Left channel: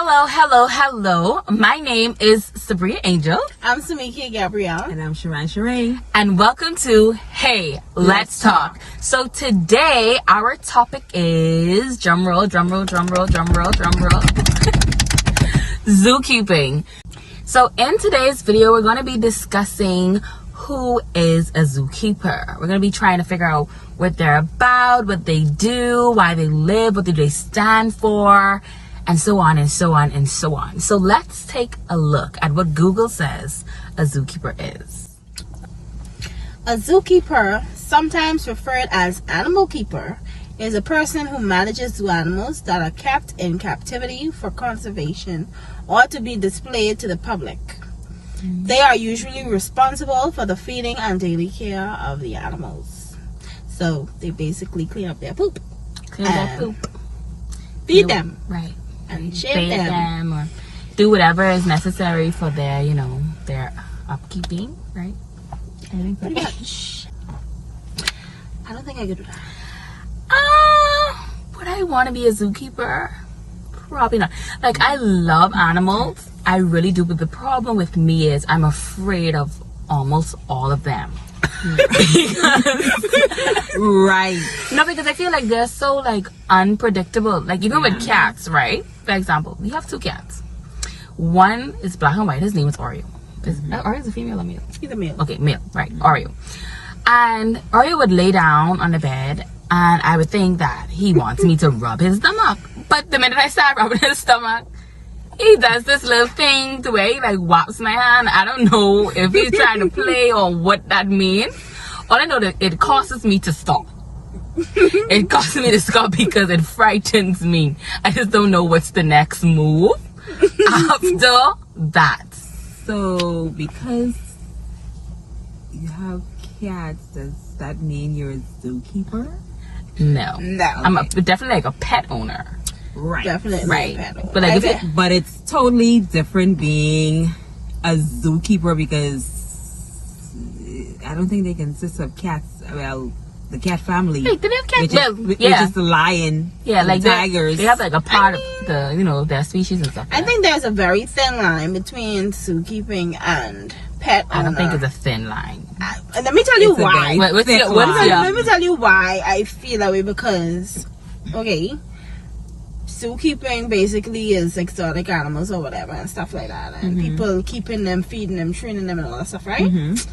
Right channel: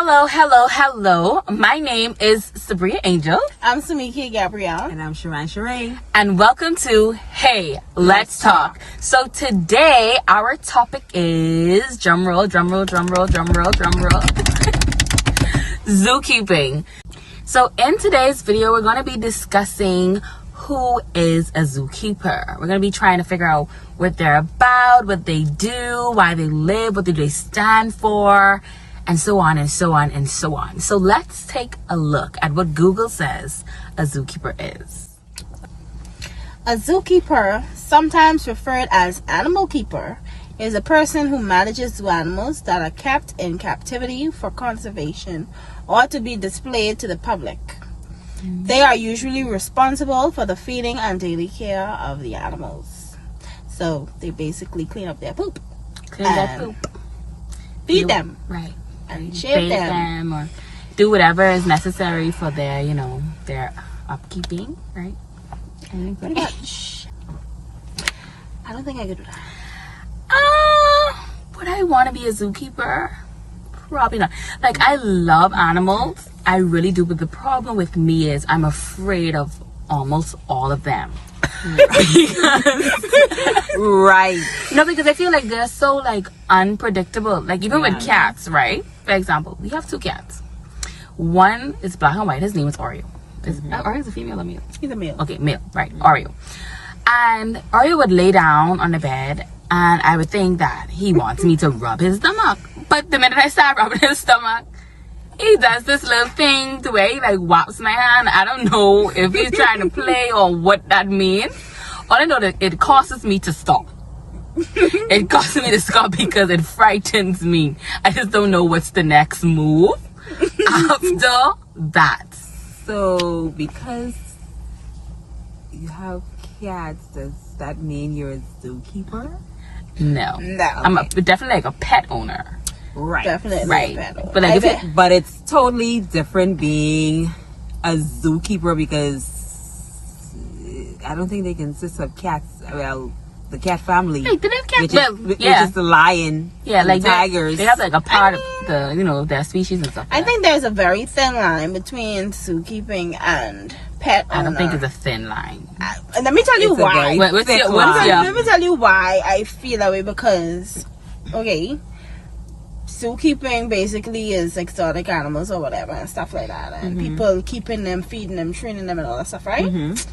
Hello. My name is Sabria Angel. I'm Samiki Gabrielle. And I'm Sharon Sheree. And welcome to Hey, Let's Talk. So today our topic is, drumroll. Zookeeping. So in today's video, we're going to be discussing who is a zookeeper. We're going to be trying to figure out what they're about, what they do, why they live, what do they stand for, and so on and so on and so on. So let's take a look at what Google says a zookeeper is. A zookeeper, sometimes referred as animal keeper, is a person who manages zoo animals that are kept in captivity for conservation or to be displayed to the public. They are usually responsible for the feeding and daily care of the animals. So they basically clean up their poop. Feed them. Right. And shave them. Or do whatever is necessary for their, their upkeeping, right? Pretty much. I don't think I could do that. Would I want to be a zookeeper? Probably not. Like, I love animals. I really do. But the problem with me is I'm afraid of almost all of them. Right. No, because I feel like they're so, unpredictable. Like, even with cats, right? For example, we have two cats. One is black and white. His name is Oreo. Oreo is a female or male? He's a male. Okay, male. Right. Oreo. And Oreo would lay down on the bed, and I would think that he wants me to rub his stomach. But the minute I start rubbing his stomach, he does this little thing to where he whops my hand. I don't know if he's trying to play or what that means. All I know that it causes me to stop. It causes me to stop because it frightens me. I just don't know what's the next move after that. So, because you have cats, does that mean you're a zookeeper? No. No. I'm definitely a pet owner. Right. Definitely. Right. But But But it's totally different being a zookeeper because I don't think they consist of cats. Well, the cat family. Hey, do they have cats? Which Well, is the lion. Yeah, and the tigers. They have a part of the, their species and stuff. I think there's a very thin line between zookeeping and pet owner. I don't think it's a thin line. Let me tell you It's a why. very What's thick your- what is line. your- Let me tell you why I feel that way, because, okay, zookeeping basically is exotic animals or whatever and stuff like that. And people keeping them, feeding them, training them and all that stuff, right?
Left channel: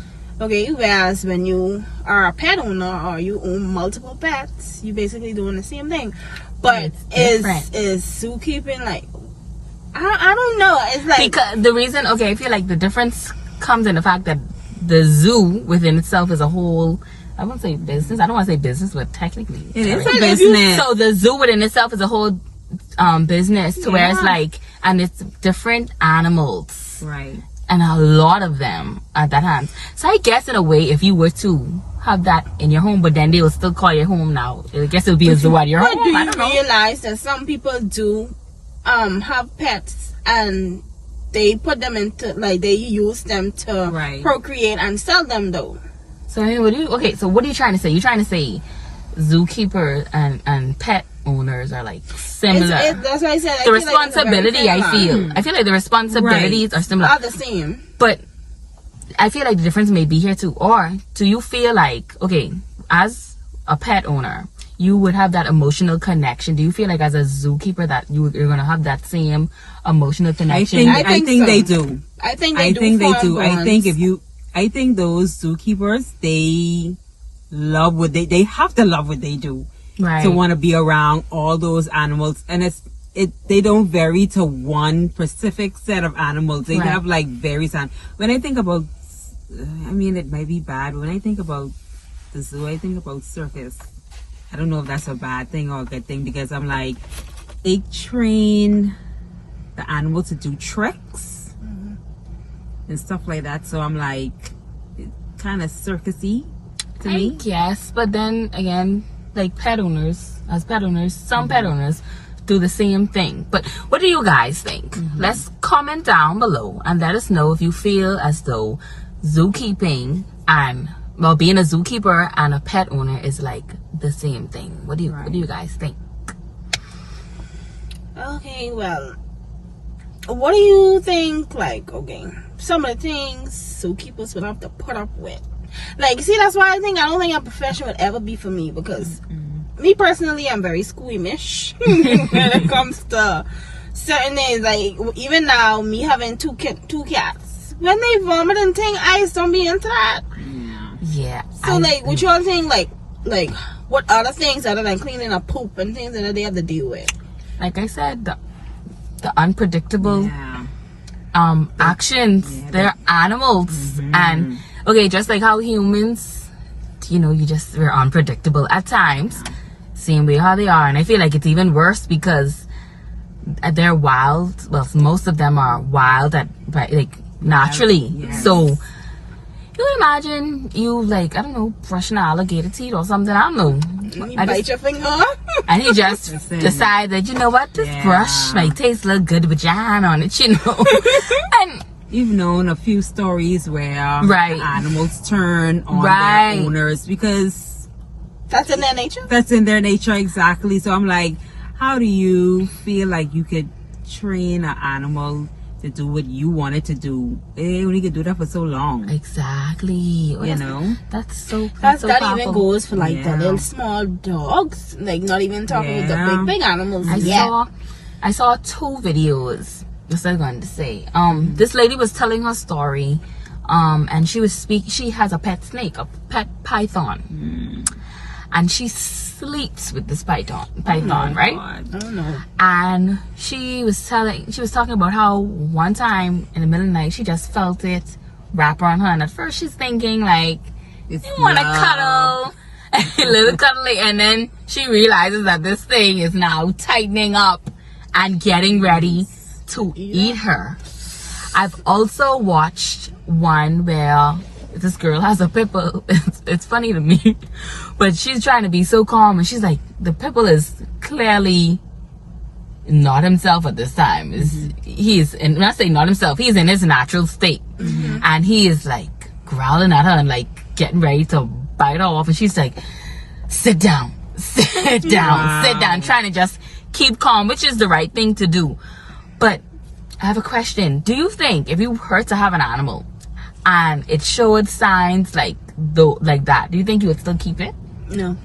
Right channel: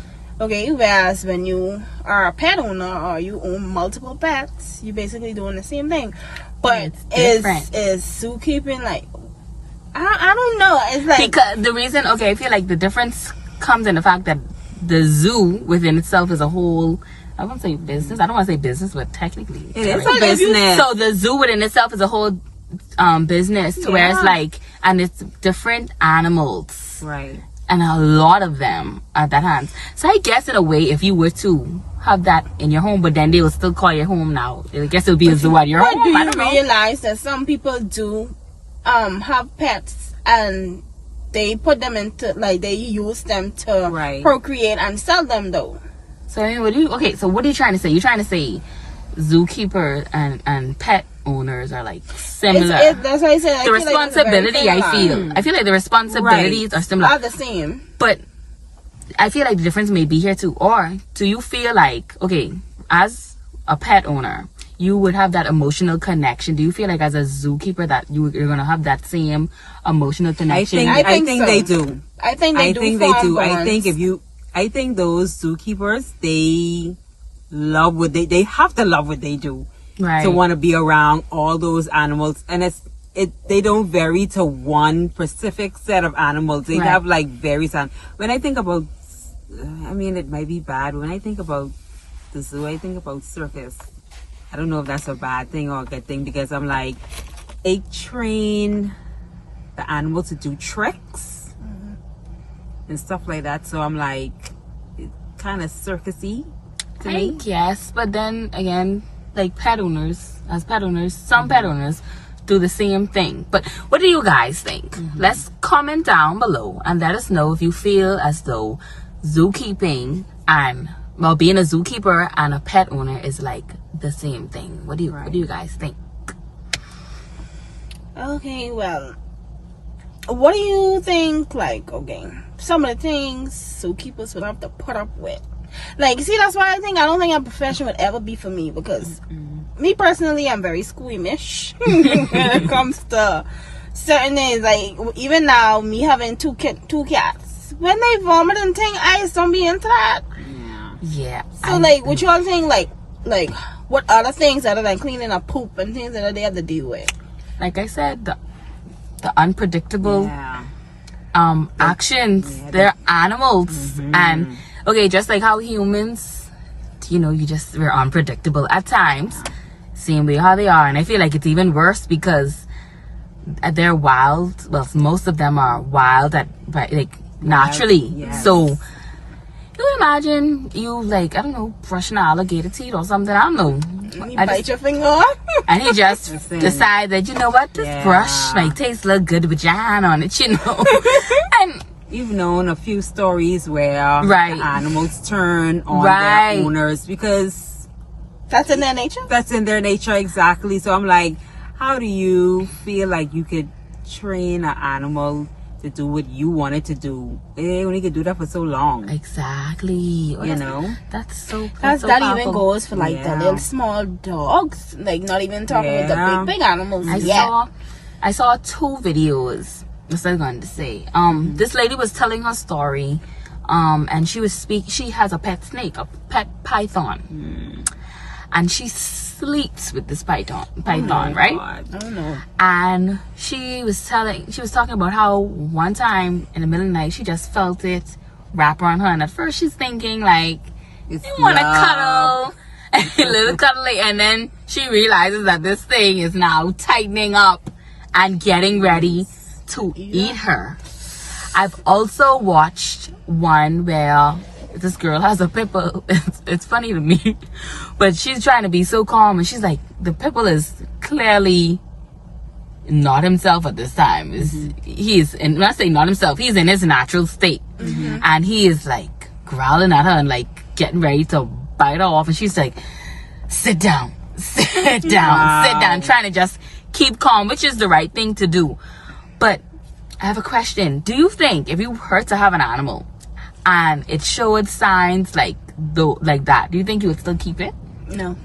Okay, whereas when you are a pet owner or you own multiple pets, you basically doing the same thing. But It's different. is zookeeping I don't know. It's like, Because the reason, I feel like the difference comes in the fact that the zoo within itself is a whole, I won't say business. I don't want to say business, but technically. It is right? a business. So the zoo within itself is a whole business to where it's and it's different animals. Right. And a lot of them at that hands. So I guess in a way, if you were to have that in your home, but then they will still call your home now. I guess it'll be a zoo at your home. do I you don't know. realize that some people do have pets and they put them into, they use them to procreate and sell them though? So I mean, what are you trying to say? You're trying to say zookeeper and pet owners are similar. That's what I said. The responsibility, I feel like the responsibilities are similar. Are the same. But I feel like the difference may be here too. Or do you feel like, as a pet owner, you would have that emotional connection? Do you feel like as a zookeeper that you're going to have that same emotional connection? I think so. they do. I think they do. I think those zookeepers, they love they have to love what they do. Right. To want to be around all those animals, and they don't vary to one specific set of animals. They have various. When I think about, it might be bad. When I think about the zoo, I think about circus. I don't know if that's a bad thing or a good thing, because I'm they train the animal to do tricks and stuff like that. So I'm kind of circusy to me. Yes, but then again, some pet owners do the same thing. But what do you guys think? Let's comment down below and let us know if you feel as though zookeeping and being a zookeeper and a pet owner is the same thing. What do you guys think? Okay, well, what do you think, like, okay, some of the things zookeepers would have to put up with? Like, see, that's why I don't think a profession would ever be for me, because me personally, I'm very squeamish when it comes to certain things. Like, even now, me having two cats, when they vomit and thing, I just don't be into that. Yeah. So, like, what y'all think, like, what other things other than cleaning up poop and things that they have to deal with? Like I said, the unpredictable Yeah. actions. They're animals, and okay, just like how humans, we're unpredictable at times. Same way how they are, and I feel like it's even worse because they're wild. Well, most of them are wild naturally. Yes. So you imagine you, like, I don't know, brushing an alligator teeth or something. I don't know. You bite your finger off? And you just Listen. decide that, you know what, this brush might taste a little good with your hand on it, and You've known a few stories where Right. the animals turn on Right. their owners because That's in their nature? that's in their nature, exactly. So I'm like, how do you feel like you could train an animal to do what you want it to do? They only could do that for so long. exactly. Oh, You know? That's so That so even powerful. goes for, like, the Yeah. little small dogs. Like, not even talking Yeah. with the big animals. I saw 2 videos. That's what I'm going to say. This lady was telling her story, and she has a pet snake, a pet python, and she sleeps with this python, right? God. I don't know. And she was talking about how one time in the middle of the night she just felt it wrap around her, and at first she's thinking like, It's you want to love. cuddle, a little cuddly, and then she realizes that this thing is now tightening up and getting ready to eat her. I've also watched one where this girl has a pit bull. It's funny to me, but she's trying to be so calm, and she's like, the pit bull is clearly not himself at this time. When I say not himself, he's in his natural state, and he is like growling at her and like getting ready to bite her off, and she's like, sit down, sit down, trying to just keep calm, which is the right thing to do. But I have a question. Do you think if you were to have an animal and it showed signs like that, do you think you would still keep it? No.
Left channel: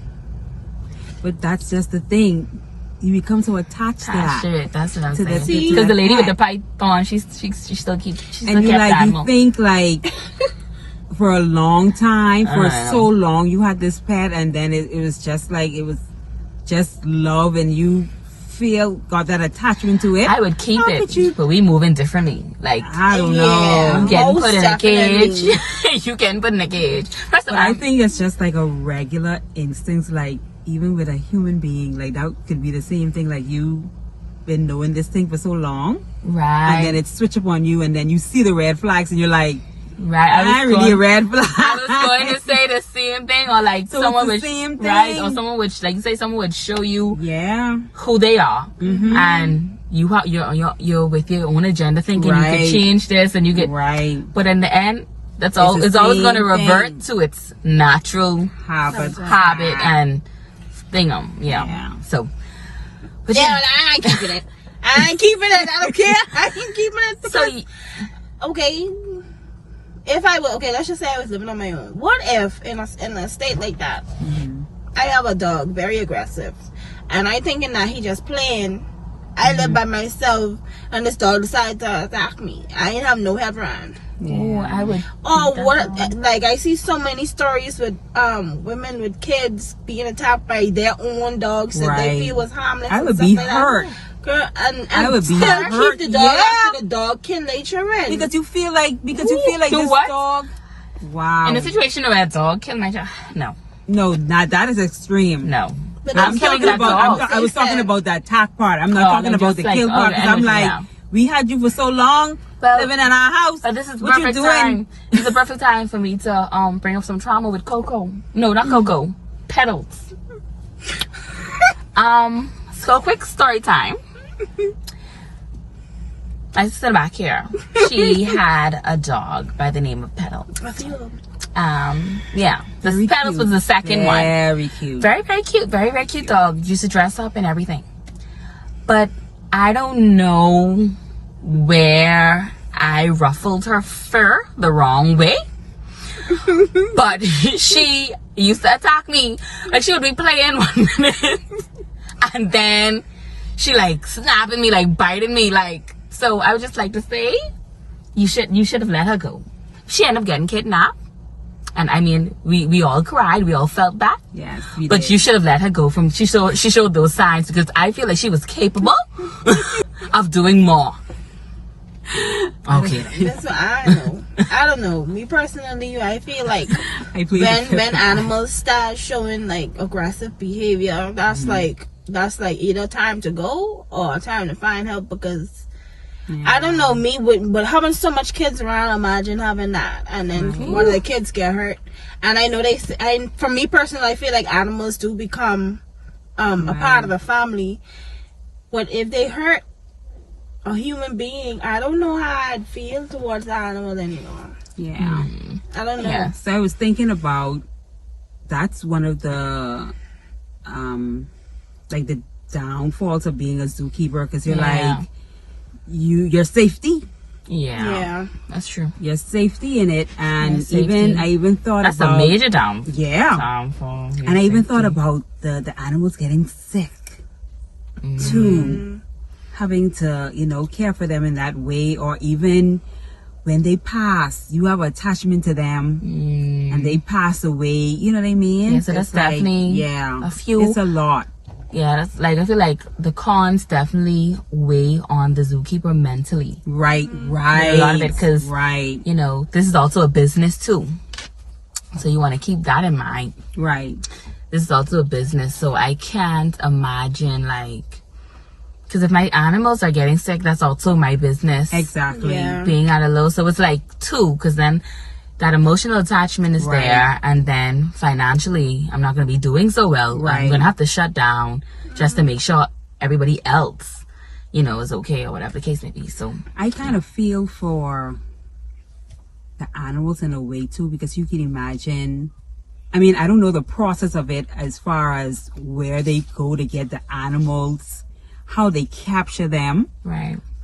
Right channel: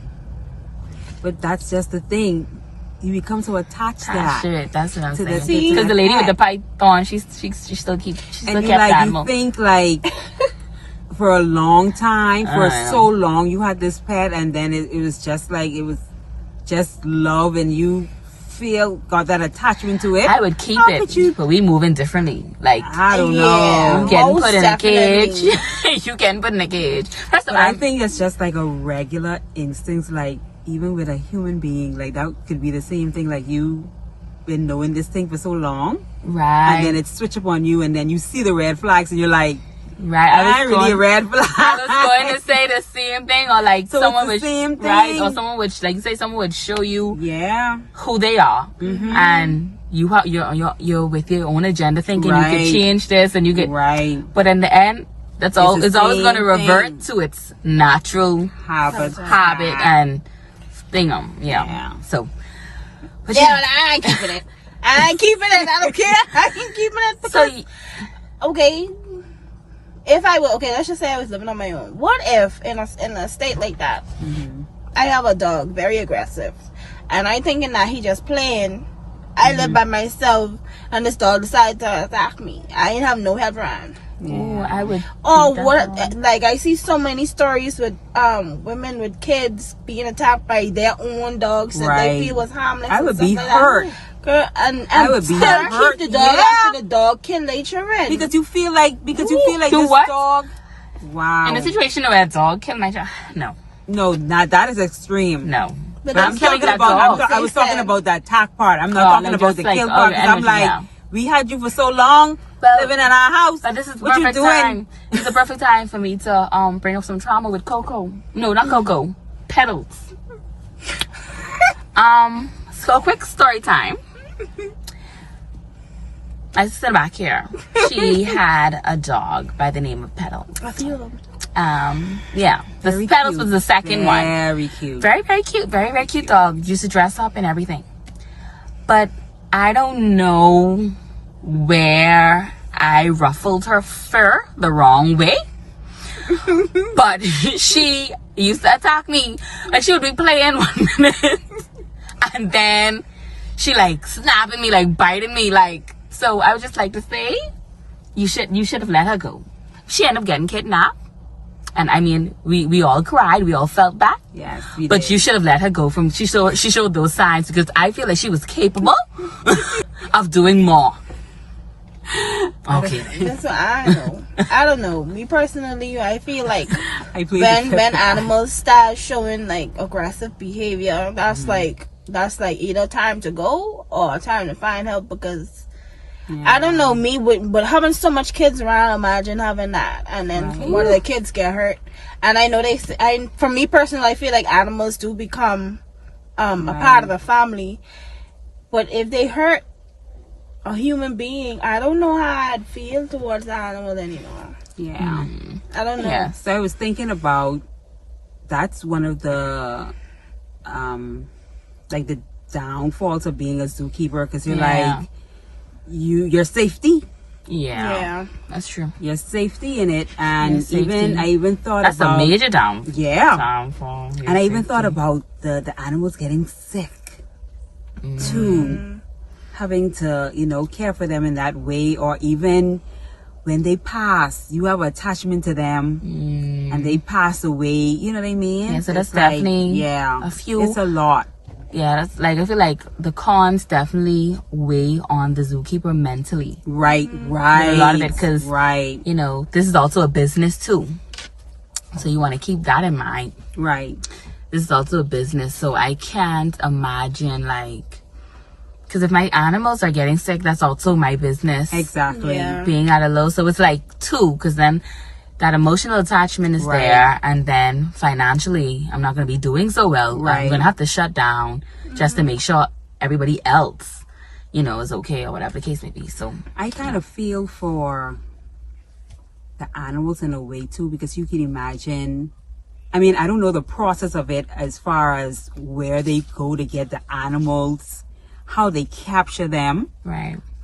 But that's just the thing. You become so attached to that. Shit, that's what I'm To the- saying. to Because the lady with the pet. python, she still kept And the animal. you think like for a long time, for I know. so long, you had this pet, and then it was just like, it was just love, and you got that attachment to it. I would keep How it, could you- but we moving differently. Like, I don't Yeah. know. you getting most put in a cage. definitely. You getting put in a cage. First of But I all, think it's just like a regular instinct, like even with a human being, like that could be the same thing. Like you been knowing this thing for so long, right, and then it switch up on you, and then you see the red flags, and you're like, right. "Am I really a red flag?" I was going to say the same thing, or like So it's someone the would, same right, thing. or someone would, like, say someone would show you Yeah, who they are, and you're with your own agenda, thinking you Right. can change this, and you get, right. but in the end, it's the always going to same revert thing. to its natural Habit. habit and thingum, Yeah. So, but Yeah, but I ain't keeping it. I ain't keeping it. I don't care. I ain't keeping it. so Because, okay, if I were, okay, let's just say I was living on my own. What if in a state like that, I have a dog, very aggressive, and I thinking that he just playing. I live by myself, and this dog decided to attack me. I ain't have no head around. oh, I would. Oh, think what? that's- Like I see so many stories with women with kids being attacked by their own dogs, so Right. they feel was harmless. I and would stuff be like that. hurt. Girl, and I would be still hurt. keep the dog Yeah. after the dog kill their children. Because you feel like Do this what? dog. Wow. In a situation where a dog killed my child, no, No, not that is extreme. no. But I'm I'm killing Talking that about, dog. I was talking about that attack part. I'm not Oh, talking you're about just the like, kill oh, part. your 'Cause I'm energy like, now. we had you for so long, Well, living in our house. But this is What you perfect doing? time. It's a perfect time for me to bring up some trauma with Coco. No, not Coco. Petals. So a quick story time. I sit back here. She had a dog by the name of Petals. I feel Yeah. The Very Petals cute. was the second one. Very cute. Very, very cute. Very, very cute dog. Used to dress up and everything. But I don't know where I ruffled her fur the wrong way. But she used to attack me. Like, she would be playing 1 minute and then she like snapping me, like biting me, like. So I would just like to say, you should have let her go. She ended up getting kidnapped, and I mean, we all cried, we all felt that. Yes, but you should have let her go. She showed those signs, because I feel like she was capable of doing more. Okay. Listen, I don't know. Me personally, I feel like when animals start showing like aggressive behavior, that's like either time to go or time to find help, because I don't know, me with having so much kids around, imagine having that and then one of the kids get hurt. And I know for me personally, I feel like animals do become a part of the family, but if they hurt a human being, I don't know how I'd feel towards the animal anymore. Yeah. I don't know. Yeah. So I was thinking about, that's one of the like the downfalls of being a zookeeper, because you're like, your safety. Yeah, that's true. Your safety in it, and I even thought that's about a major downfall. And I even thought about the animals getting sick too, having to care for them in that way, or even when they pass, you have attachment to them, and they pass away. You know what I mean? Yeah, so that's definitely a few. It's a lot. Yeah, that's like, I feel like the cons definitely weigh on the zookeeper mentally. Right. A lot of it, because this is also a business too, so you want to keep that in mind. Right. This is also a business, so I can't imagine, like, because if my animals are getting sick, that's also my business. Exactly. Being at a low, so it's like two, because then that emotional attachment is there, and then financially I'm not going to be doing so well. I'm going to have to shut down just to make sure everybody else is okay, or whatever the case may be. So I kind of feel for the animals in a way too, because you can imagine, I mean, I don't know the process of it as far as where they go to get the animals, how they capture them,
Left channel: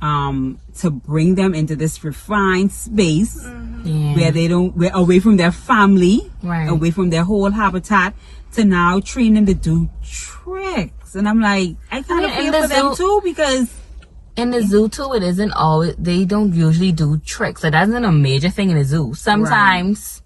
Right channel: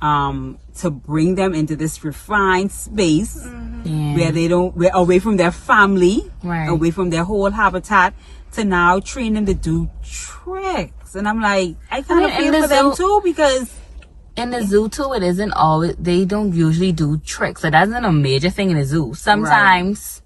to bring them into this refined space where we're away from their family, away from their whole habitat, to now train them to do tricks. And I'm like, I kind of feel for them too, because in the zoo too, it isn't always, they don't usually do tricks. So that isn't a major thing in the zoo. Sometimes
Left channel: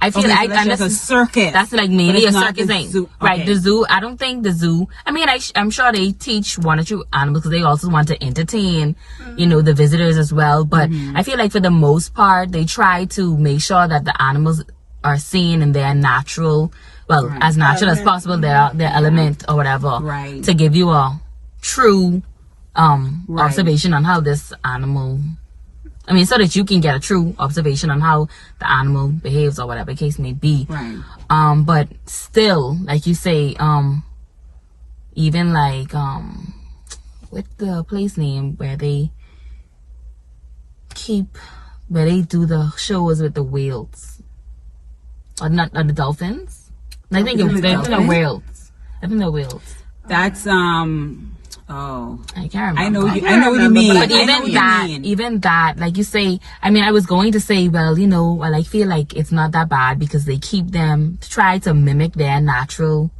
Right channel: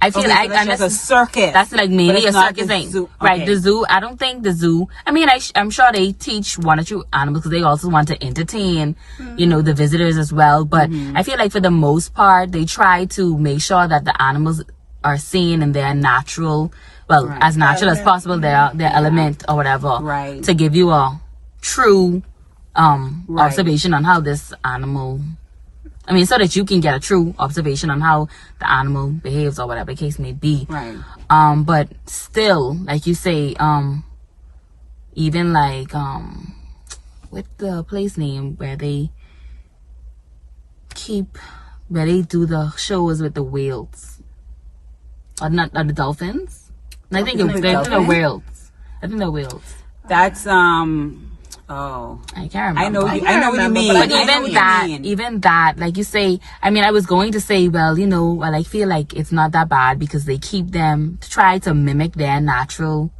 I feel like that's a circus. That's like maybe a circus thing. The zoo, I don't think the zoo, I mean, I'm sure they teach one or two animals, because they also want to entertain, the visitors as well. But I feel like for the most part, they try to make sure that the animals are seen in their natural, as natural as possible, their element or whatever, to give you a true observation on how this animal, I mean, so that you can get a true observation on how the animal behaves, or whatever the case may be. But still, like you say, even like with the place name where they do the shows with the whales, or not, the dolphins. I think the whales. I think the whales. That's I can't remember. I know what you mean. But even that, like you say, I mean, I was going to say, well, I feel like it's not that bad, because they keep them to try to mimic their natural,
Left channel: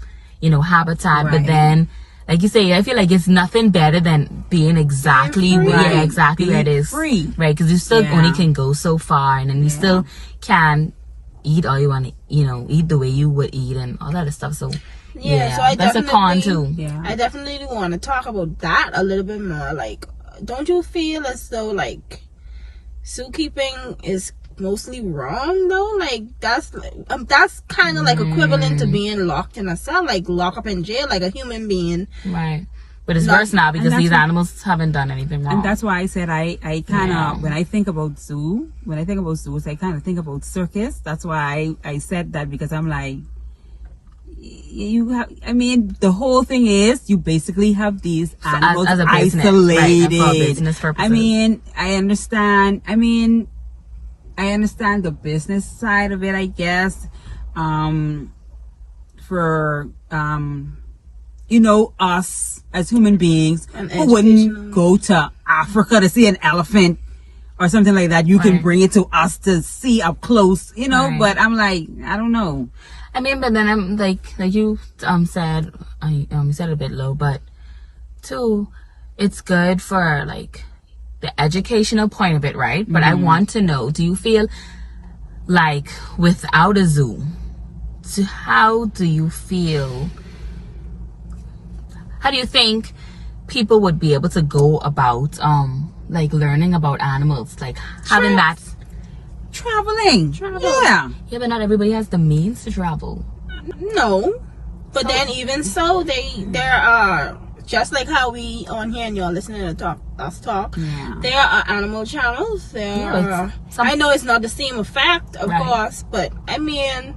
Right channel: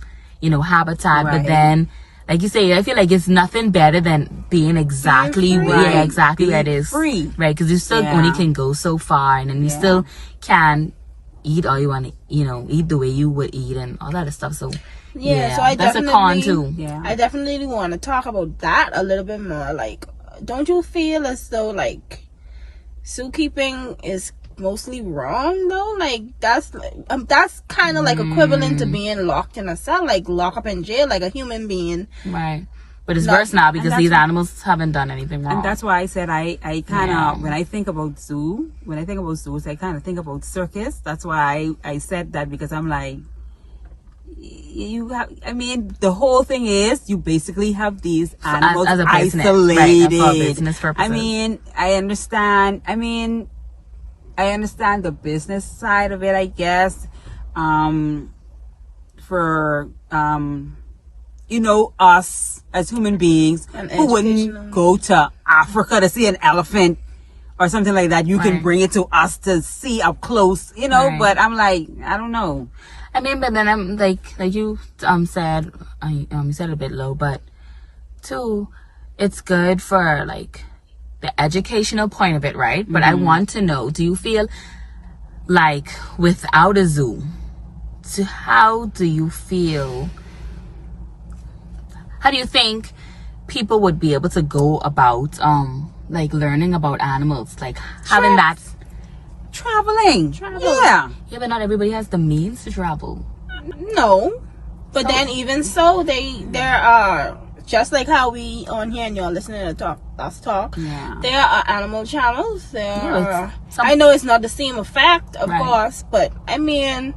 habitat. But then, like you say, I feel like it's nothing better than being exactly where it is. Free. Right, because you still only can go so far, and then you still can eat all you want to, eat the way you would eat and all that other stuff. So so that's a con too. I definitely want to talk about that a little bit more. Like, don't you feel as though like zookeeping is mostly wrong though? Like that's kind of like equivalent to being locked in a cell, like lock up in jail, like a human being. Right. But it's worse now, because these animals haven't done anything wrong. And that's why I said I kind of, when I think about zoos, I kind of think about circus. That's why I said that, because I'm like, the whole thing is you basically have these animals as a business, isolated. For business purposes. I mean, I understand the business side of it, I guess. For you know, us as human beings An who wouldn't educational- go to Africa to see an elephant or something like that. You can Right. bring it to us to see up close, you know, Right. but I'm like, I don't know. I mean, but then I'm like you said, you said it a bit low, but too, it's good for like the educational point of it, right? But I want to know, do you feel like without a zoo, how do you feel? How do you think people would be able to go about like learning about animals, like having that? Traveling. Yeah. Yeah, but not everybody has the means to travel. No, but then even so, there are, just like how we on here and you're listening to us talk. Yeah. There are animal channels. There Yeah, are, it's some- I know it's not the same effect, of Right. course, but I mean,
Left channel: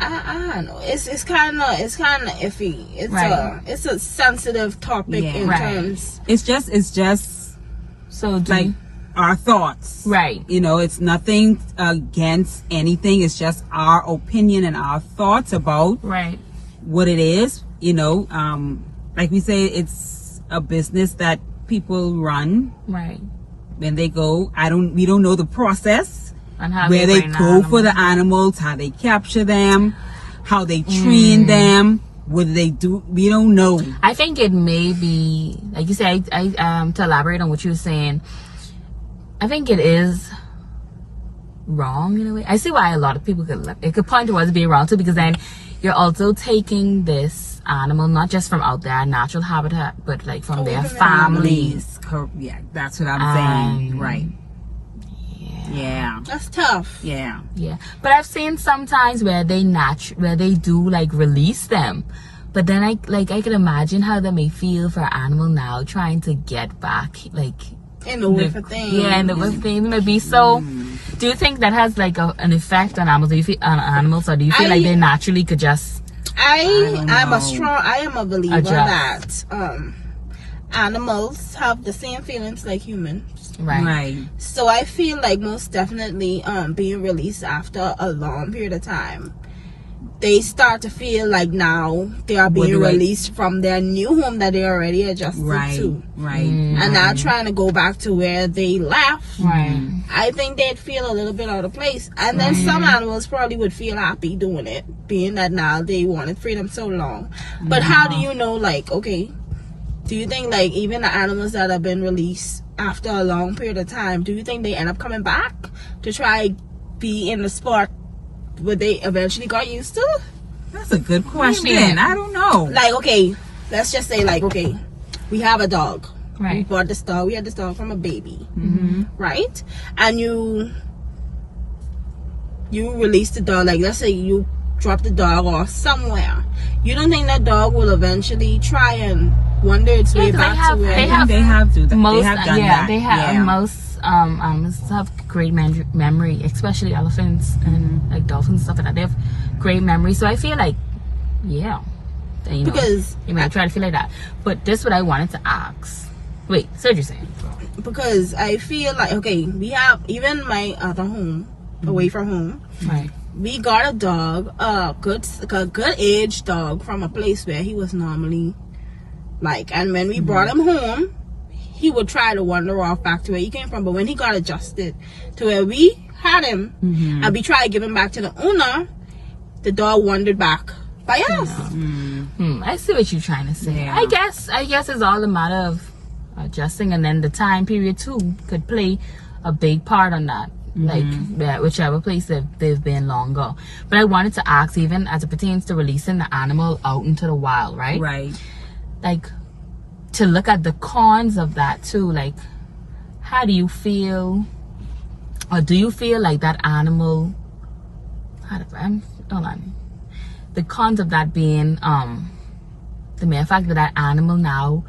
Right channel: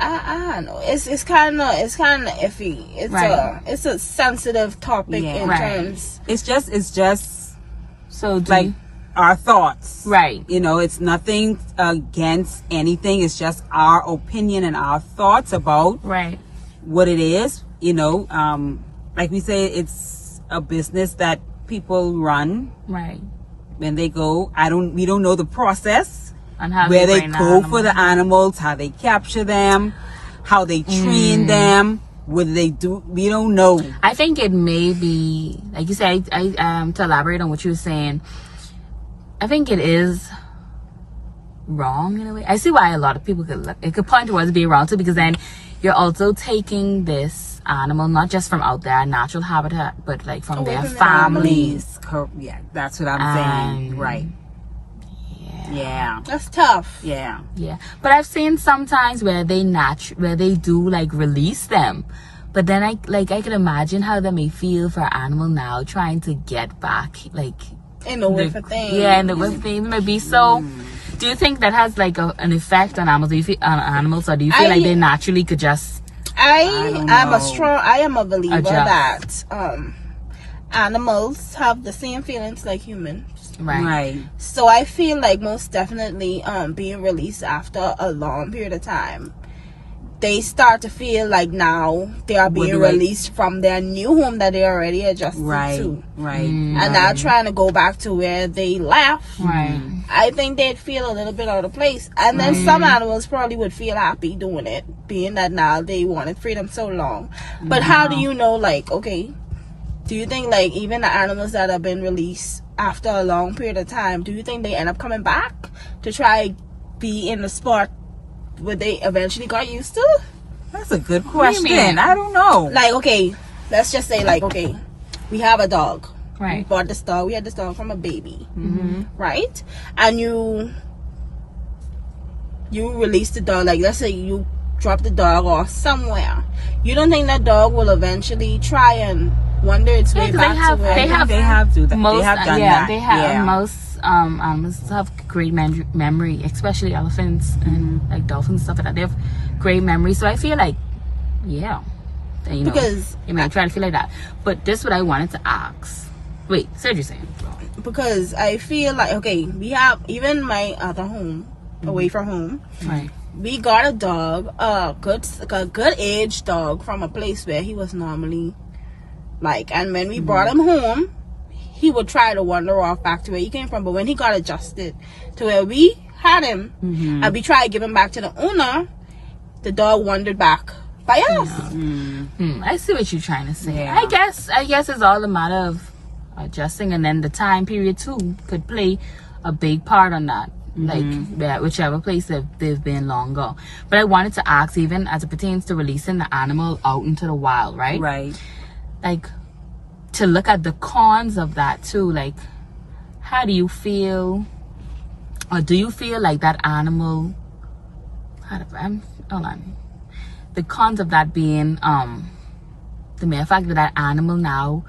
I don't know. It's kind of iffy. It's Right. it's a sensitive topic Yeah. in Right. terms. It's just So do like you- our thoughts. right. You know, it's nothing against anything. It's just our opinion and our thoughts about Right. what it is. You know, like we say, it's a business that people run Right. when they go. We don't know the process And how where they bring the go for animals. the animals, how they capture them, how they train them, what they do. We don't know. I think it may be, like you said, I to elaborate on what you were saying, I think it is wrong in a way. I see why a lot of people could point towards being wrong too, because then you're also taking this animal not just from out their natural habitat, but like from their families. Yeah, that's what I'm saying. Um, Right. Yeah. That's tough. Yeah. Yeah, but I've seen sometimes where they do like release them, but then I can imagine how they may feel for an animal now trying to get back, like In the with a thing. yeah, and the with things may be so. Do you think that has like an effect on animals? Do you feel on animals, or do you feel like they naturally could just I don't am know. I am a believer Adjust. that animals have the same feelings like humans. Right. So I feel like most definitely being released after a long period of time, they start to feel like now they are being do I- released from their new home that they already adjusted Right. to. Right. And now trying to go back to where they left. right? I think they'd feel a little bit out of place. And then some animals probably would feel happy doing it, being that now they wanted freedom so long. But how do you know, like, okay, do you think, like, even the animals that have been released after a long period of time, do you think they end up coming back to try be in the spot where they eventually got used to? That's a good do you question. mean? I don't know. Like, okay, let's just say, like, okay, we have a dog. We Right. bought this dog. We had this dog from a baby, right? And you release the dog. Like, let's say you drop the dog off somewhere. You don't think that dog will eventually try and wander its way 'cause back to where? They have to. Most they have done yeah, that. they have Yeah. most animals have great memory, especially elephants and like dolphins and stuff like that. They have great memory, so I feel like yeah, you know, Because you may try to feel like that. But this is what I wanted to ask. Wait, so what you're saying? because I feel like, okay, we have, even my other home, away from home, Right. we got a dog, a good age dog from a place where he was normally like, and when we brought him home, he would try to wander off back to where he came from. But when he got adjusted to where we had him, and we tried to give him back to the owner, the dog wandered back by us. I see what you're trying to say. Yeah. I guess it's all a matter of adjusting, and then the time period too could play a big part on that. Like whichever place they've been longer. But I wanted to ask, even as it pertains to releasing the animal out into the wild, right? Right. Like, to look at the cons of that too. Like, how do you feel, or do you feel like that animal? Hold on. The cons of that being the mere fact that that animal now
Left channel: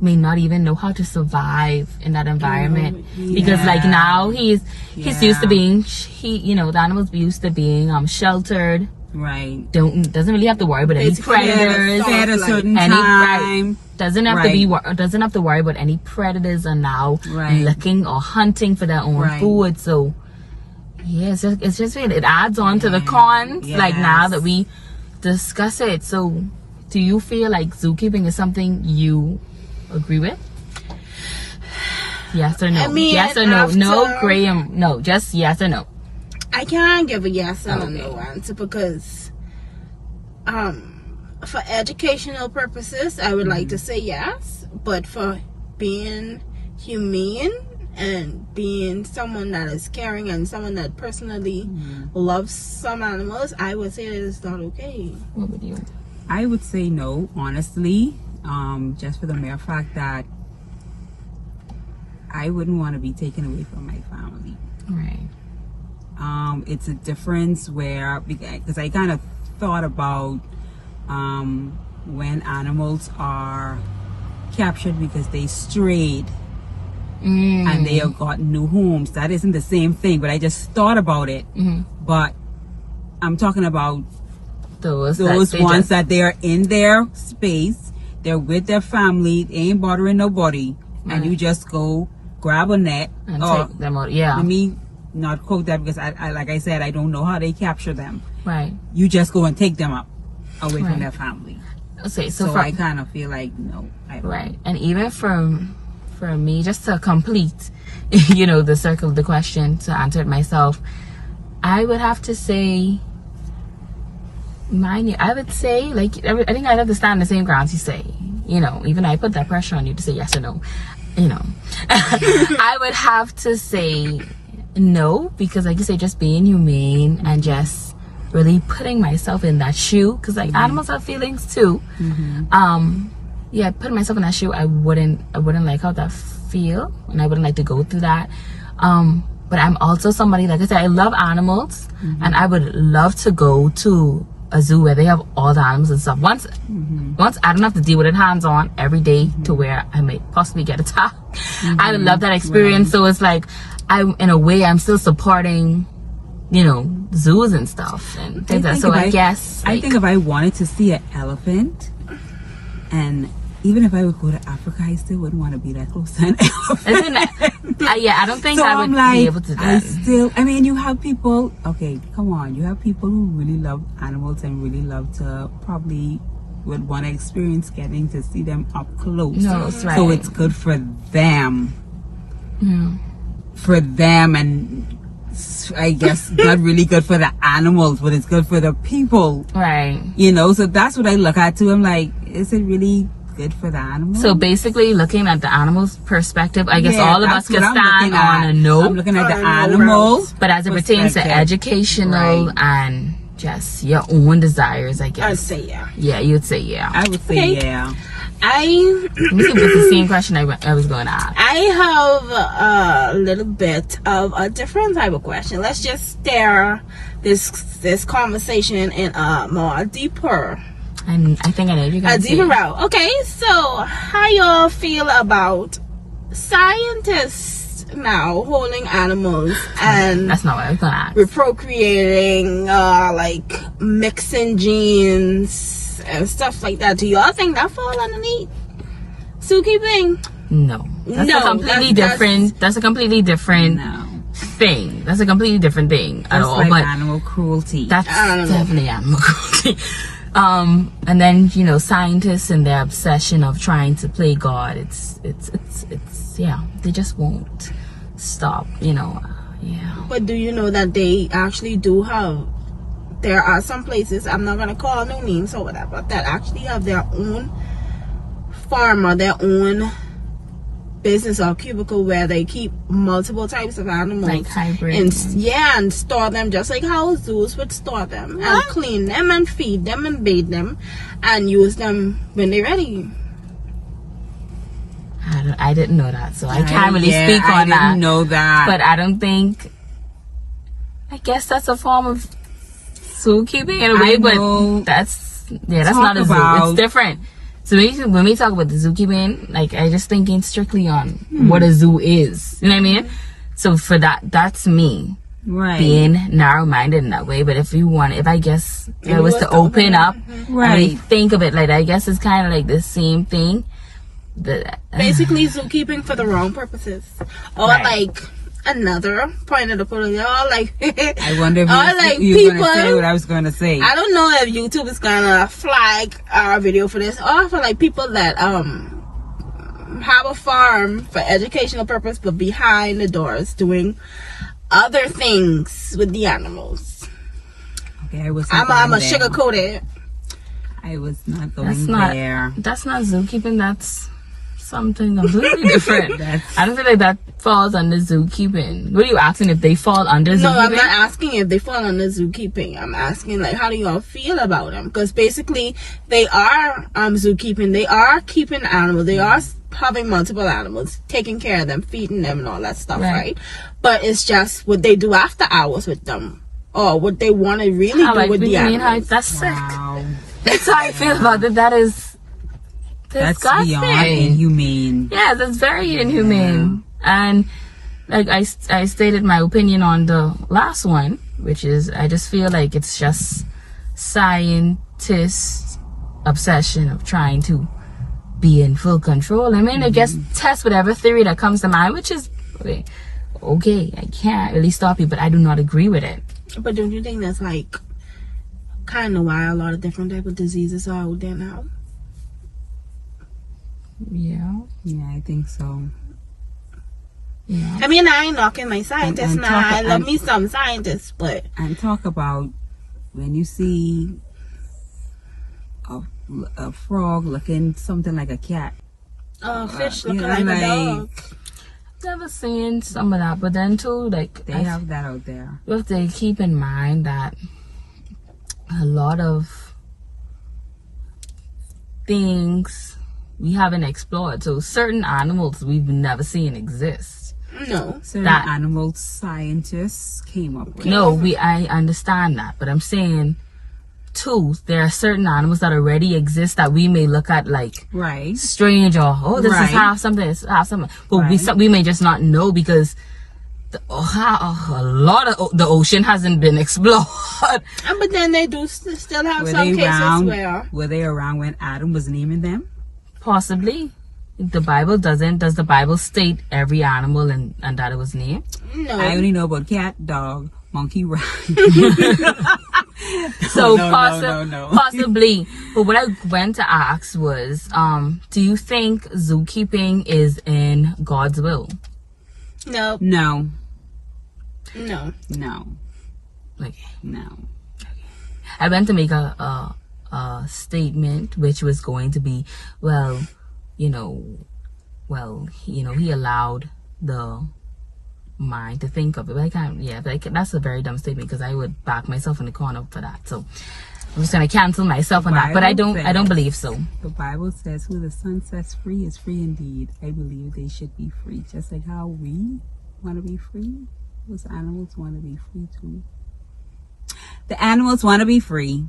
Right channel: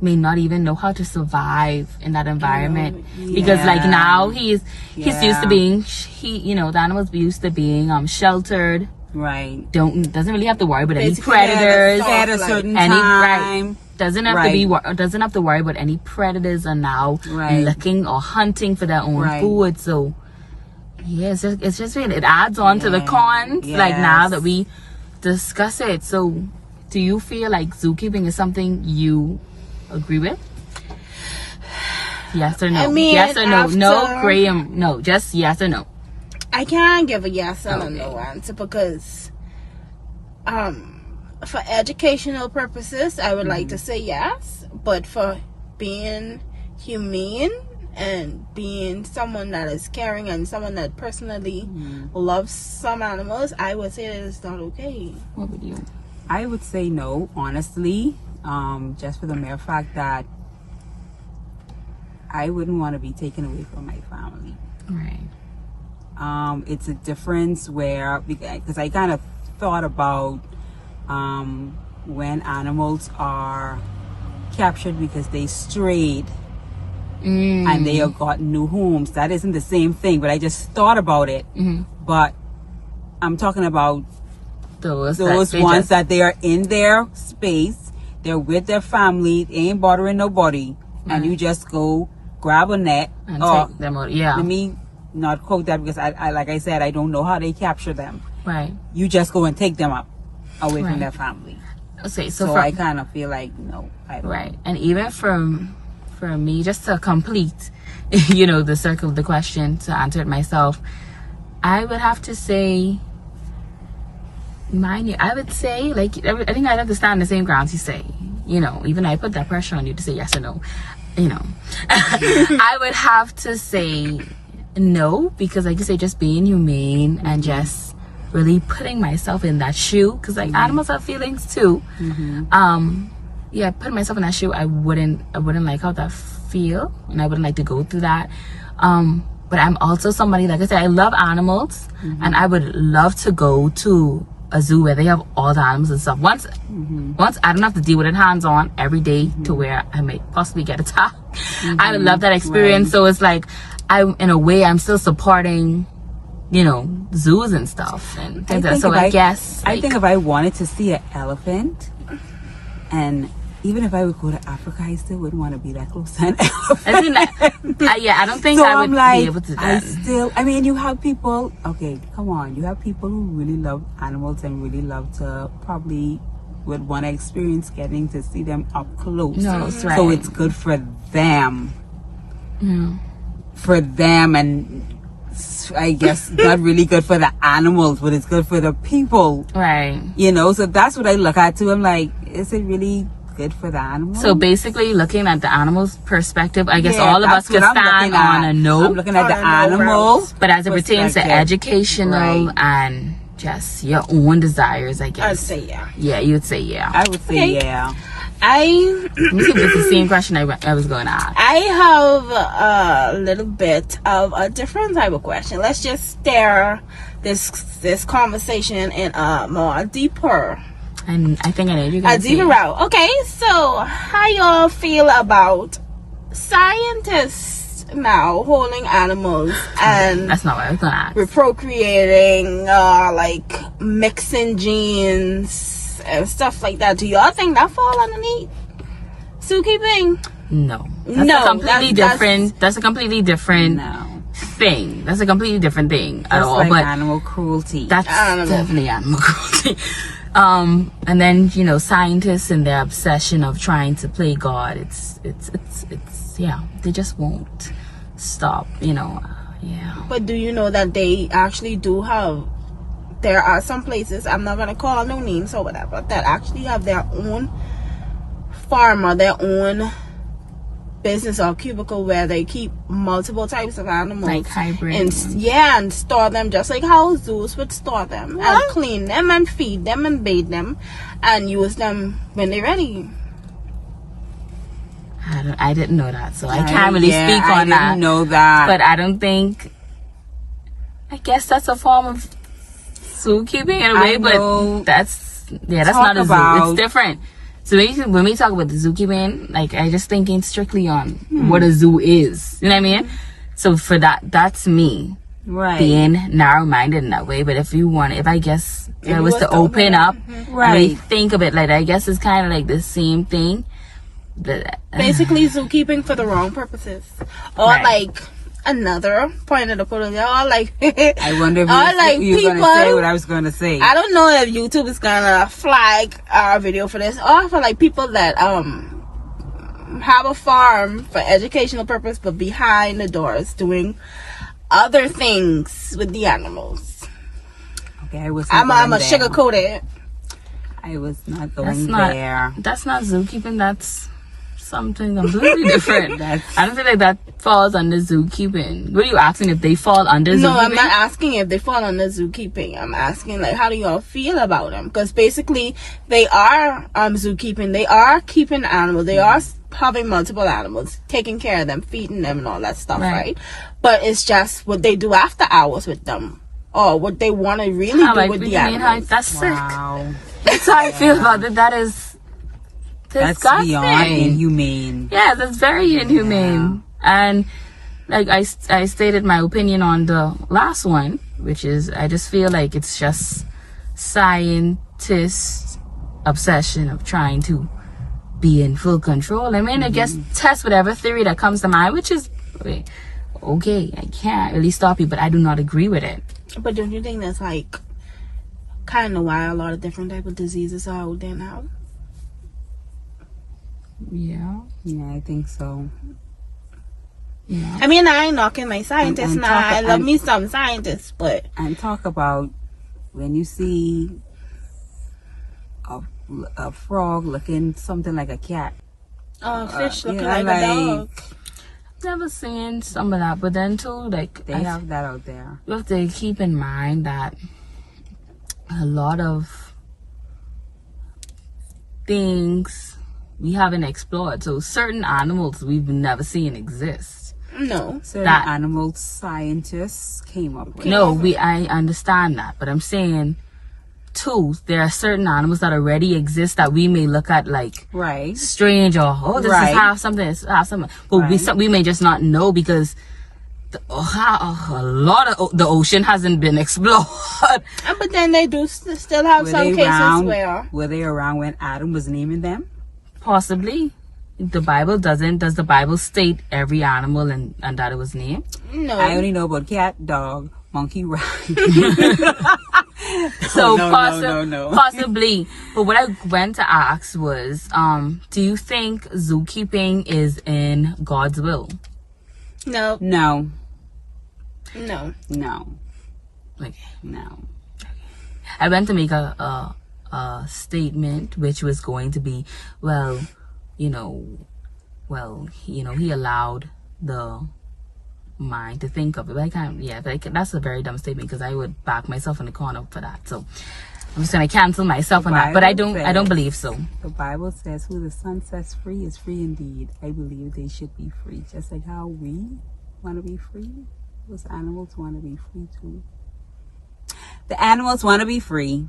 may not even know how to survive in that environment, because like now he's used to being the animals used to being sheltered, Right. doesn't really have to worry about any Basically, predators, At a certain any time. doesn't have to be doesn't have to worry about any predators are now Right. looking or hunting for their own Right. food. So yeah, it's just really, it adds on to the cons, like now Yes. that we discuss it. So Do you feel like zookeeping is something you agree with? Yes or no? I mean, yes or no? after- No, Graham. No, just yes or no. I can't give a yes or Okay. no answer because, for educational purposes, I would like to say yes, but for being humane and being someone that is caring and someone that personally loves some animals, I would say it is not okay. What would you? I would say no, honestly, just for the mere fact that I wouldn't want to be taken away from my family. Right. It's a difference where, because I kind of thought about when animals are captured because they strayed and they have got new homes. That isn't the same thing, but I just thought about it. But I'm talking about Those ones just, that they are in their space, they're with their family, they ain't bothering nobody, and you just go grab a net and or take them out. Yeah. let me not quote that because I like I said, I don't know how they capture them. Right. You just go and take them up away Right. from their family. Okay, So so I kind of feel like no, I don't. right, and even for me, just to complete, the circle of the question to answer it myself, I would have to say, I would say, like, I think I'd have to stand the same grounds you say. Even I put that pressure on you to say yes or no. I would have to say no, because like you say, just being humane and just really putting myself in that shoe, because like animals have feelings too. Yeah, putting myself in that shoe, I wouldn't like how that feel, and I wouldn't like to go through that. But I'm also somebody, like I said, I love animals, and I would love to go to a zoo where they have all the animals and stuff. Once I don't have to deal with it hands on every day to where I may possibly get attacked. I would love that experience. So it's like, I'm still supporting, zoos and stuff and things like that. So I guess I think if I wanted to see an elephant, and even if I would go to Africa, I still wouldn't want to be that close to an elephant. I don't think So I would I'm like, be able to do that. I mean, you have people, okay, come on, you have people who really love animals and really love to probably would want to experience getting to see them up close. No, that's right. So it's good for them. Yeah. For them, and I guess not really good for the animals, but it's good for the people. Right. So that's what I look at too. I'm like, is it really good for the animals? So basically, looking at the animal's perspective, I guess Yeah, all of us that's could what I'm stand looking at. on a no. I'm looking at the On a no animal, But as it pertains to perspective. educational Right. and just your own desires, I I'd guess. say yeah. Yeah, you'd say yeah. I would say Okay. yeah. Let me see if it's the same question I was going to ask. I have a little bit of a different type of question. Let's just steer this conversation in a more deeper, And I think I know you're going a to say. deeper route. Okay, so how y'all feel about scientists now holding animals and That's not what I was going to ask. procreating, like mixing genes and stuff like that? Do y'all think that fall underneath zookeeping? No. That's No, a completely that's- different. That's a completely different No. thing. That's a completely different thing at That's all. like But animal cruelty. that's Animal. definitely animal cruelty. And then scientists and their obsession of trying to play God. It's yeah. They just won't stop. Yeah. But do you know that they actually do have? There are some places, I'm not gonna call no names or whatever, that actually have their own farm or their own business or cubicle where they keep multiple types of animals, Like hybrid. and store them just like how zoos would store them, and clean them and feed them and bathe them and use them when they're ready. I didn't know that, so I can't really speak I on that. didn't know that. But I don't think. I guess that's a form of zookeeping in a way, know. but that's not Talk a zoo. about- It's different. So when we talk about the zookeeping, like I just thinking strictly on what a zoo is. You know what I mean? So for that's me right. being narrow-minded in that way. But if I guess if I was to open up, and really Right. think of it, like I guess it's kind of like the same thing. Basically zookeeping for the wrong purposes, or Right. like another point of the photo. Y'all like, I wonder if all like you were going to say people. what I was going to say. I don't know if YouTube is gonna flag our video for this. Or for like people that have a farm for educational purpose, but behind the doors doing other things with the animals. Okay, I wasn't I'm going a there. sugarcoat it. I was not That's going not there. that's not zookeeping. That's something completely different. That's- I don't feel like that falls under zookeeping. What are you asking if they fall under No, I'm zookeeping? not asking if they fall under zookeeping. I'm asking like, how do y'all feel about them? Because basically, they are zookeeping. They are keeping animals. They are having multiple animals, taking care of them, feeding them, and all that stuff, Right. right? But it's just what they do after hours with them, or what they want to really How, do like, with what do the you mean? How, animals. that's sick. Wow. That's how I feel about it. That is That's disgusting. beyond inhumane. Yeah, that's very inhumane. And like I stated my opinion on the last one, which is I just feel like it's just scientists' obsession of trying to be in full control. I mean, I guess test whatever theory that comes to mind, which is okay. I can't really stop you, but I do not agree with it. But don't you think that's like kind of why a lot of different type of diseases are out there now? Yeah, Yeah, I think so. yeah. I mean, I ain't knocking my scientists And now. talk- I love me some scientists, but And talk about when you see a frog looking something like a cat. fish yeah, looking like a like- dog. Never seen some of that, but then too, like They have that out there. you have to keep in mind that a lot of things we haven't explored. So certain animals we've never seen exist. No. Certain That- animal scientists came up with. No, I understand that, but I'm saying too, there are certain animals that already exist that we may look at like Right. strange or this Right. is half something, this is half something, but Right. we may just not know because a lot of the ocean hasn't been explored. But then they do still have Were some they cases around? where Were they around when Adam was naming them? Possibly. The Bible doesn't. Does the Bible state every animal and that it was named? no. I only know about cat, dog, monkey, rat. So no, no. possibly. But what I went to ask was, do you think zookeeping is in God's will? no, No, no. no, Like, no. I went to make a statement which was going to be, he allowed the mind to think of it, but I can't. Yeah, but that's a very dumb statement because I would back myself in the corner for that. So I'm just gonna cancel myself on that. But I don't believe so. The Bible says, "Who the Son sets free is free indeed." I believe they should be free, just like how we want to be free. Those animals want to be free too. The animals want to be free.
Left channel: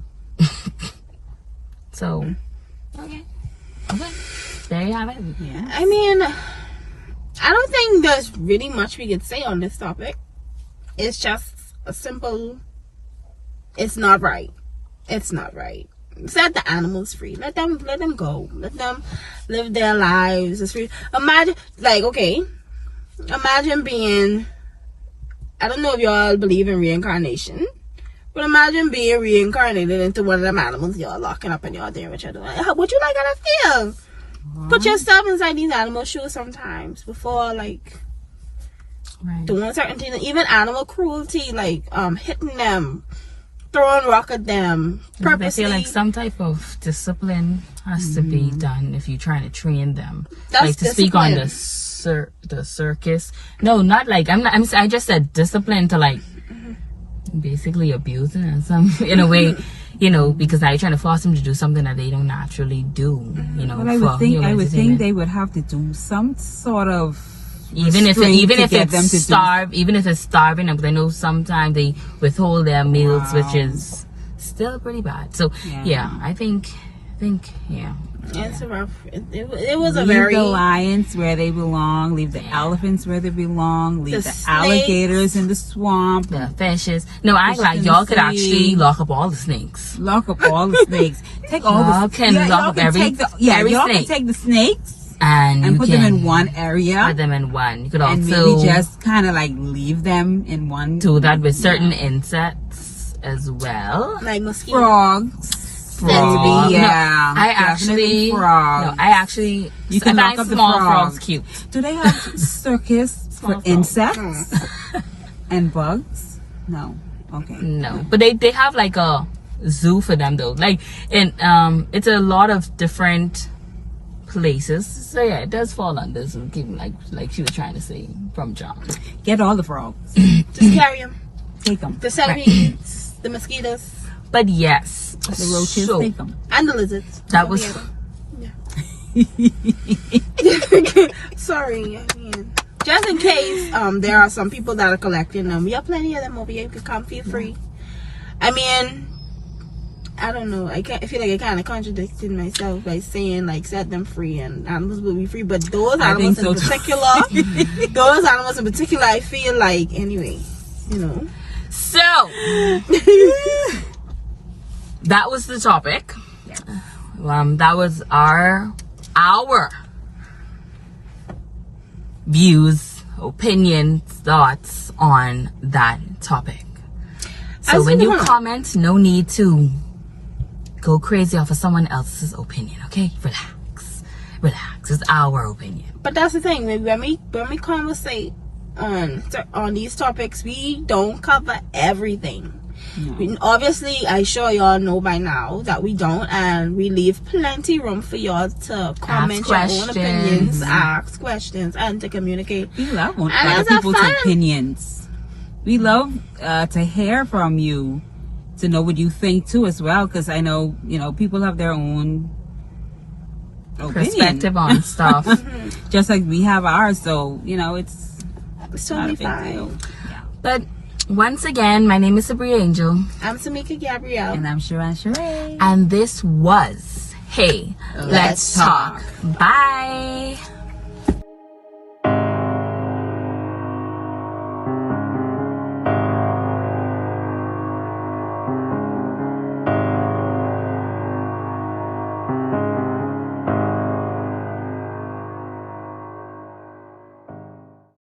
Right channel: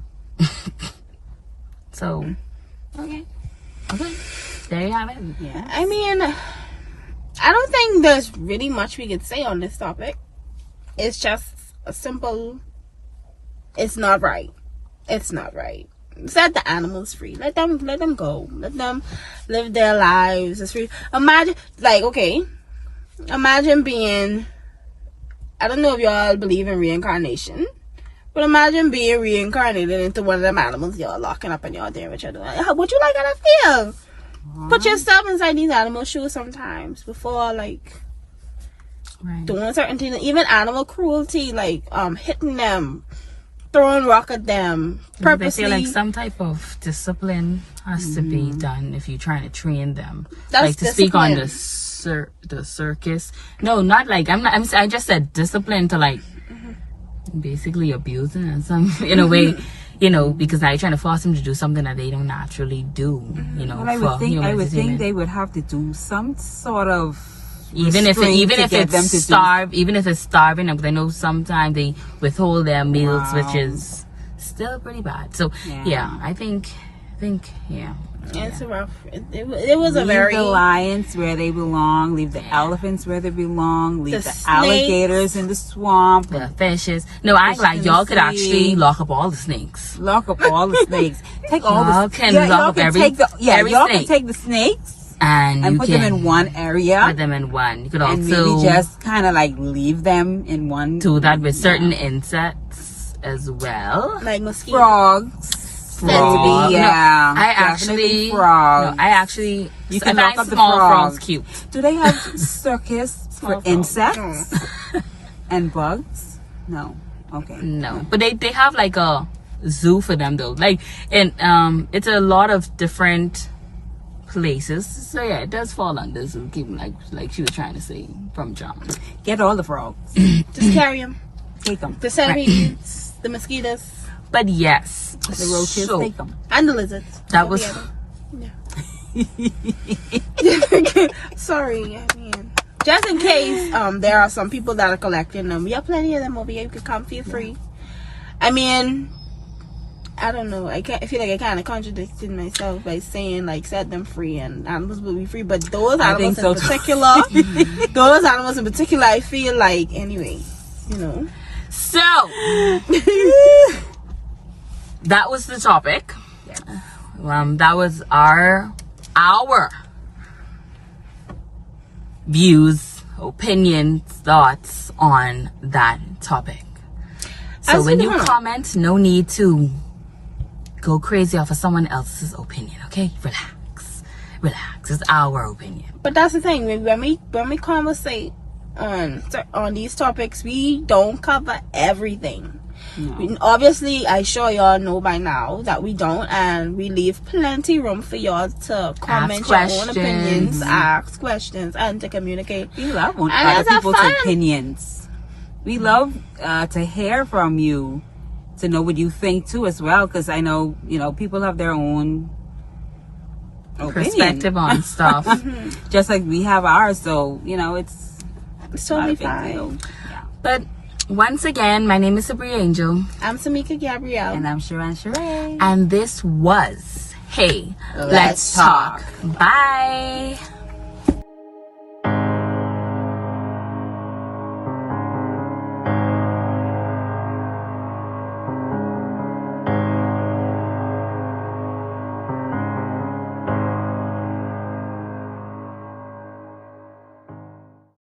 So okay. There you have it. Yeah. I mean, I don't think there's really much we could say on this topic. It's just a simple, it's not right. It's not right. Set the animals free. Let them go. Let them live their lives. It's free. Imagine being, I don't know if y'all believe in reincarnation, but imagine being reincarnated into one of them animals y'all locking up and y'all doing what you're doing. How would you like how that feel? Put yourself inside these animal shoes sometimes before like Right. doing certain things. Even animal cruelty, like hitting them, throwing rock at them, I purposely. feel like some type of discipline has to be done if you're trying to train them. That's like to speak on discipline. the circus. No, not like I just said discipline to like basically abusing and some in a way, because I trying to force them to do something that they don't naturally do. Well, I would think they would have to do some sort of even if restraint to get them it's to do- even if it's starving them, because I know sometimes they withhold their meals, which is still pretty bad. So yeah, I think yeah. It's rough. It was a Leave very the lions where they belong. Leave the elephants where they belong. Leave The the alligators in the swamp. The fishes. No, I Fishes like in y'all the could sea. actually lock up all the snakes. Lock up all the snakes. Take all Y'all the can lock y'all up can every- take the, every y'all snake. can take the snakes And you put can them in one area. put them in one. You could And also maybe just kind of like leave them in one. do that with certain insects as well. Like mosquitoes. Frogs. Frog. Maybe, yeah. No, I Definitely actually frogs. No, I actually You can I lock find up the small frogs. frogs cute. Do they have circus Small for frogs. insects and bugs? No. Okay. No, but they have like a zoo for them though. Like it's a lot of different places. So yeah, it does fall under zookeeping, like she was trying to say from John. Get all the frogs. Just carry them. Take them. The centipedes, the mosquitoes, But yes, The roaches, so take them. and the lizards. that was Sorry, I mean, just in case there are some people that are collecting them. We have plenty of them over here. You can come, feel free. I mean, I don't know. I feel like I kind of contradicted myself by saying like set them free and animals will be free. But those I think animals so in too. particular, those animals in particular, I feel like anyway, you know. so. That was the topic. That was our views, opinions, thoughts on that topic. So As when you well. comment, no need to go crazy off of someone else's opinion. Okay, relax. It's our opinion. But that's the thing. When we conversate on these topics, we don't cover everything. No. Obviously, I'm sure y'all know by now that we don't, and we leave plenty room for y'all to comment your own questions. opinions, ask questions, and to communicate. We love And other it's a people's fun. opinions. We love to hear from you, to know what you think too as well, because I know, people have their own opinion. Perspective on stuff. Just like we have ours, so, it's It's not totally a big fine. deal. Yeah. But once again, my name is Sabria Angel, I'm Samika Gabrielle. And I'm Sharon Sheree. and this was Hey, Let's Talk. Bye.